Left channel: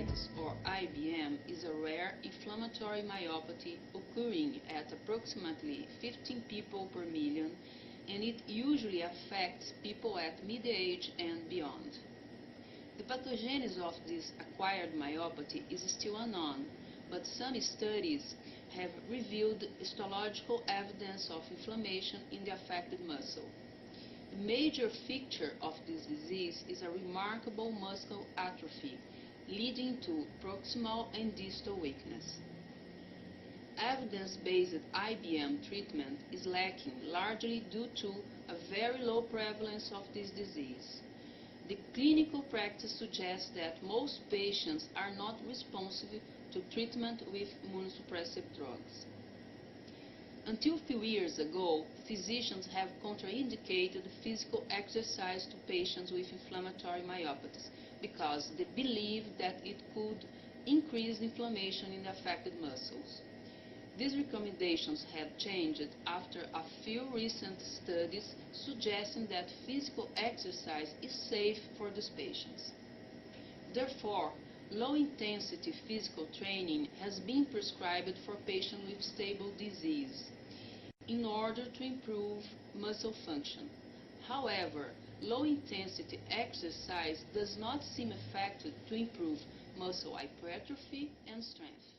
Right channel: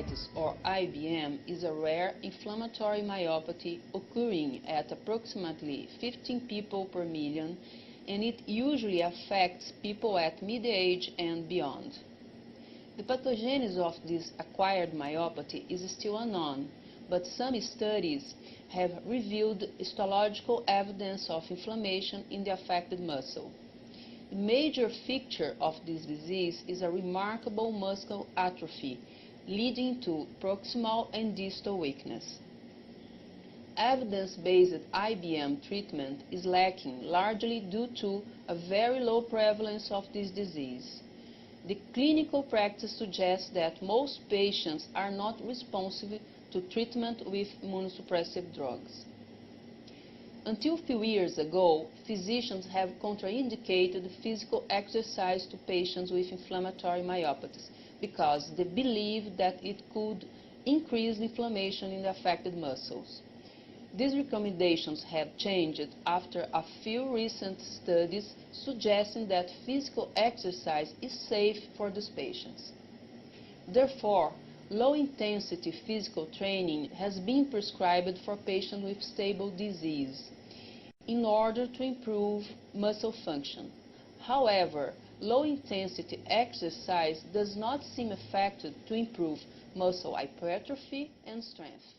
myositis, or IBM, is a rare inflammatory myopathy occurring at approximately 15 people per million, and it usually affects people at mid-age and beyond. The pathogenesis of this acquired myopathy is still unknown, but some studies have revealed histological evidence of inflammation in the affected muscle. The major feature of this disease is a remarkable muscle atrophy, leading to proximal and distal weakness. Evidence-based IBM treatment is lacking, largely due to a very low prevalence of this disease. The clinical practice suggests that most patients are not responsive to treatment with immunosuppressive drugs. Until a few years ago, physicians have contraindicated physical exercise to patients with inflammatory myopathies because they believed that it could increase inflammation in the affected muscles. These recommendations have changed after a few recent studies suggesting that physical exercise is safe for these patients. Therefore, low-intensity physical training has been prescribed for patients with stable disease in order to improve muscle function. However, low-intensity exercise does not seem effective to improve muscle hypertrophy and strength.